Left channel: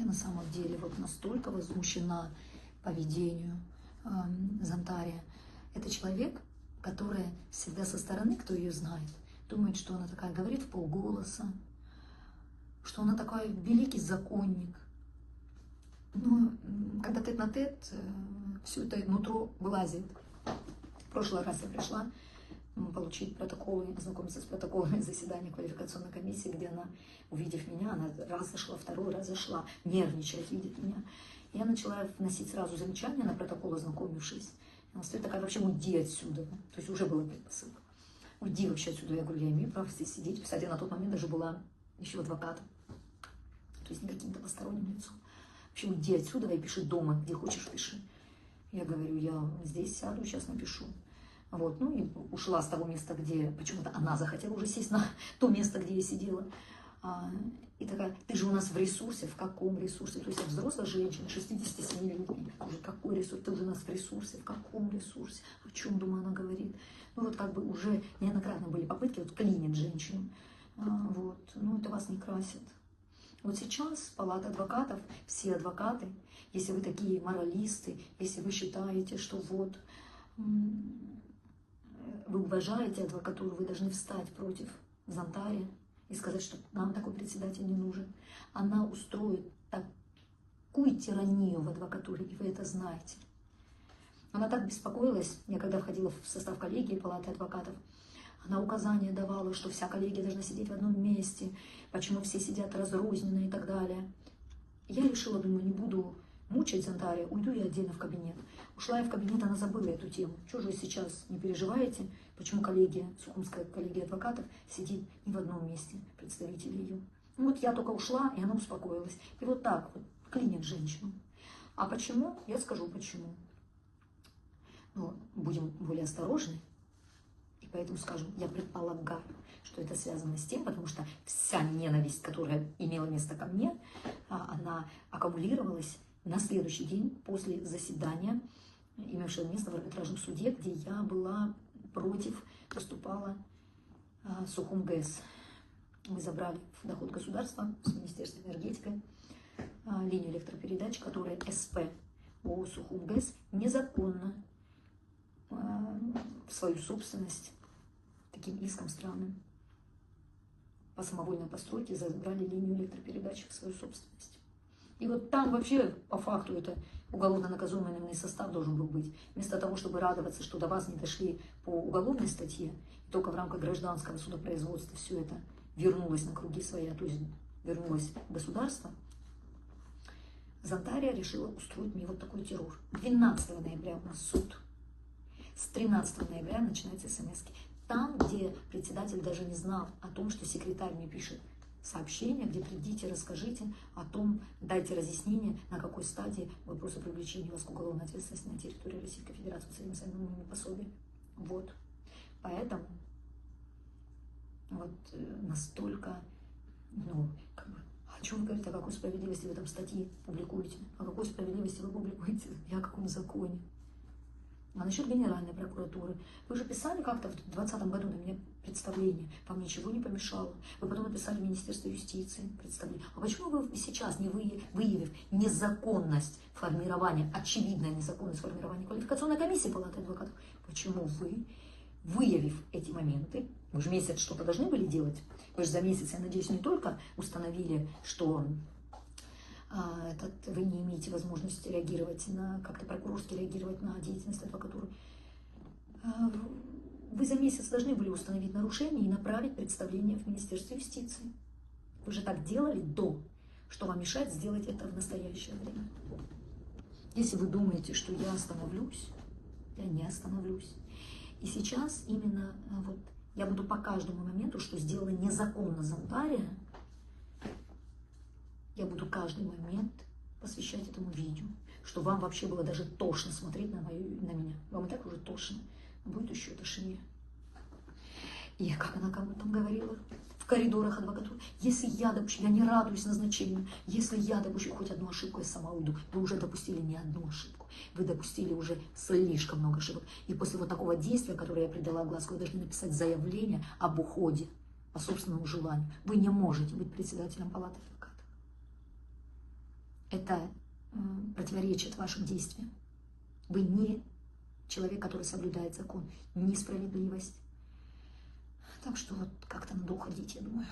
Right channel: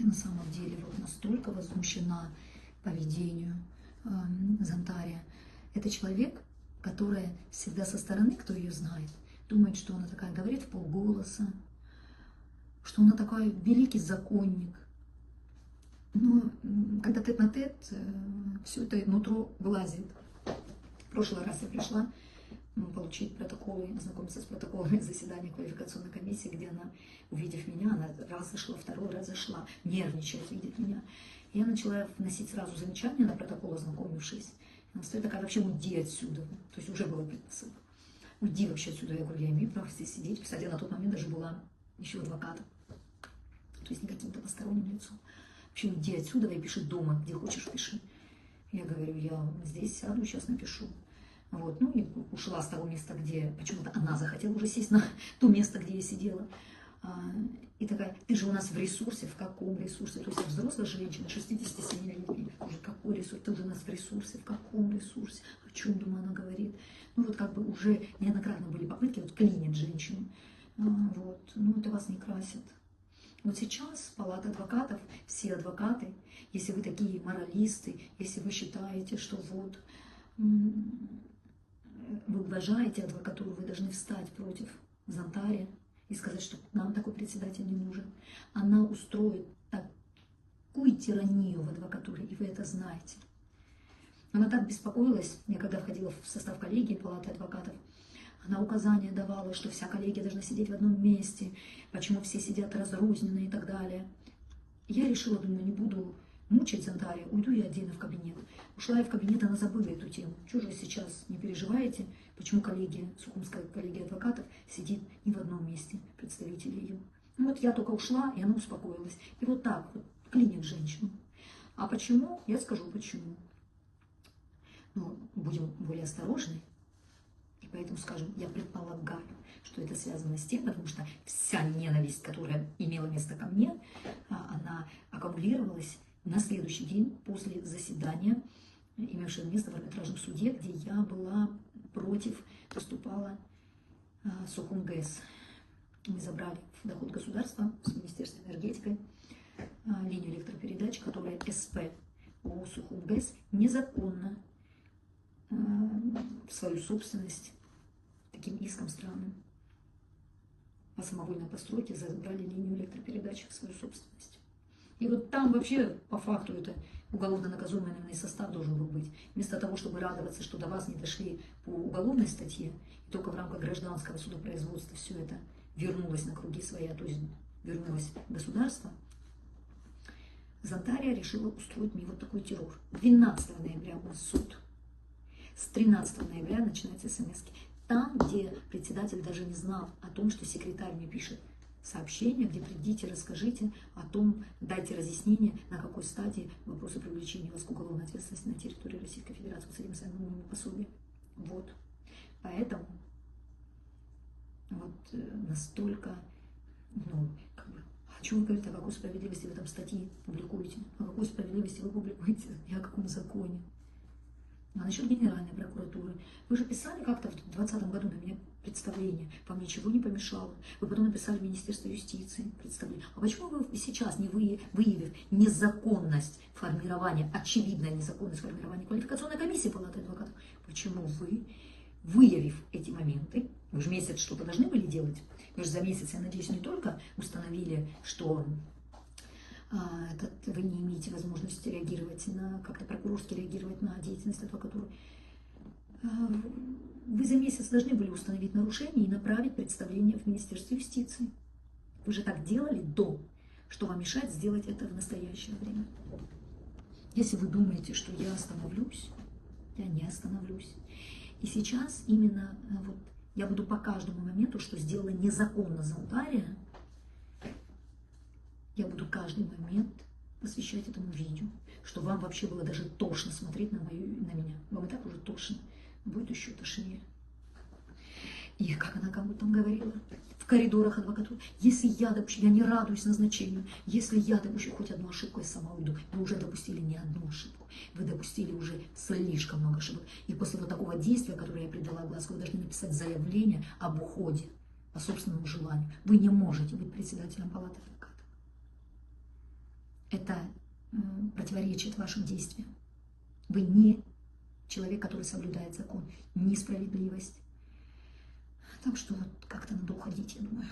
Я на самом деле вот настолько возмущена поведению Зантария. Это человек, которая всегда со стороны, кто ее знает, думает, что она такая, говорит в полголоса, что она такой великий законник. Но когда тет-на-тет, все это нутро вылазит. В прошлый раз я пришла получить протоколы, ознакомиться с протоколами заседания квалификационной комиссии, где она, увидев меня, она раз зашла, второй раз зашла, нервничает, видит меня. Я начала вносить сразу замечания на протокол, ознакомившись. Она стоит такая, вообще уйди отсюда. То есть уже была предпосылка. Уйди вообще отсюда. Я говорю, я имею право здесь сидеть. Кстати, я на тот момент даже была еще адвокатом. То есть не каким-то посторонним лицом. Вообще уйди отсюда и пиши дома, где хочешь пиши. Я говорю, я здесь сяду, сейчас напишу. Вот, ну и ушла с того места, где почему-то она захотела уже сесть на то место, где я сидела. И такая, ты же у нас в ресурсе. В каком ресурсе? То есть взрослая женщина, 67-летняя, уже какой ресурс? Ты уже у нас в ресурсе. В каком ресурсе? О чем, думаю, она говорит? Ну вот как бы уже неоднократно были попытки вот клинить женщину. Вот, ну это вас не красит. Вот сейчас палата адвокатов, все адвокаты, если вы такие моралисты, если вы считаете, что вот вы уважаете адвокатуру, вы должны встать против Зантария и сказать, что нам такой председатель не нужен. Она устроит такую тиранию в адвокатуре, и вы это знаете. Она так беспокоилась, я когда входила в состав коллегии палаты адвокатов, она указания давала, что вся коллегия должна сидеть в одном месте, почему все сидят разрозненно и так далее. Я решила, думаю, не буду мучать Зантария, уйду я отдельно в кабинет. Ушла я в кабинет, она забыла эту тему. Чего же вы сейчас не переживаете, почему коллегия, Сухумская коллегия адвокатов сидит не в одном месте, представители ее. Ну вот я только ушла, и она успокоилась. И вот так вот клинит женщину. А почему? Я скажу почему. Но будем более осторожны. И поэтому скажем, я предполагаю, что это связано с тем, потому что вся ненависть, которая имела место ко мне, она аккумулировалась на следующий день после заседания, имевшего место в арбитражном суде, где я была против, выступала Сухумгэс. Мы забрали в доход государства с Министерством энергетики линию электропередач, которая СП о Сухумгэс незаконно в свою собственность таким иском странным по самовольной постройке забрали линию электропередач в свою собственность. И вот там вообще по факту это уголовно наказуемый наименный состав должен был быть. Вместо того, чтобы радоваться, что до вас не дошли по уголовной статье, и только в рамках гражданского судопроизводства все это вернулось на круги своя, то есть вернулось государство, Зантария решила устроить мне вот такой террор. 12 ноября у нас суд. С 13 ноября начинаются смс-ки. Там, где председатель даже не знал о том, что секретарь мне пишет сообщение, где придите, расскажите о том, дайте разъяснение, на какой стадии вопросы привлечения вас к уголовной ответственности на территории Российской Федерации с этим самым пособием. Вот. Поэтому вот настолько, ну, как бы, а что вы говорите, о какой справедливости вы там статьи публикуете? О какой справедливости вы публикуете? И о каком законе? А насчет Генеральной прокуратуры. Вы же писали как-то в 2020 году на меня представление. Вам ничего не помешало. Вы потом написали в Министерство юстиции представление. А почему вы сейчас, не выявив незаконность формирования, очевидная незаконность формирования квалификационной комиссии Палаты адвокатов, почему вы, выявив эти моменты, вы же месяц что-то должны были делать? Вы же за месяц, я надеюсь, не только установили, что вы не имеете возможности реагировать на, как-то прокурорски реагировать на деятельность адвокатуры. Вы за месяц должны были установить нарушение и направить представление в Министерство юстиции. Вы же так делали до, что вам мешает сделать это в настоящее время. Если вы думаете, что я остановлюсь, я не остановлюсь. И сейчас именно вот я буду по каждому моменту, что сделала незаконно Зантария, я буду каждый момент посвящать этому видео, что вам вообще было даже тошно смотреть на меня. Вам и так уже тошно, будет еще тошнее. И как она кому-то там говорила в коридорах адвокатуры, если я допущу, я не радуюсь назначению, если я допущу хоть одну ошибку, я сама уйду. Вы уже допустили не одну ошибку, вы допустили уже слишком много ошибок. И после вот такого действия, которое я придала огласку, вы должны написать заявление об уходе по собственному желанию. Вы не можете быть председателем Палаты адвокатов. это противоречит вашим действиям. Вы не человек, который соблюдает закон, несправедливость. Так что вот как-то надо уходить, я думаю.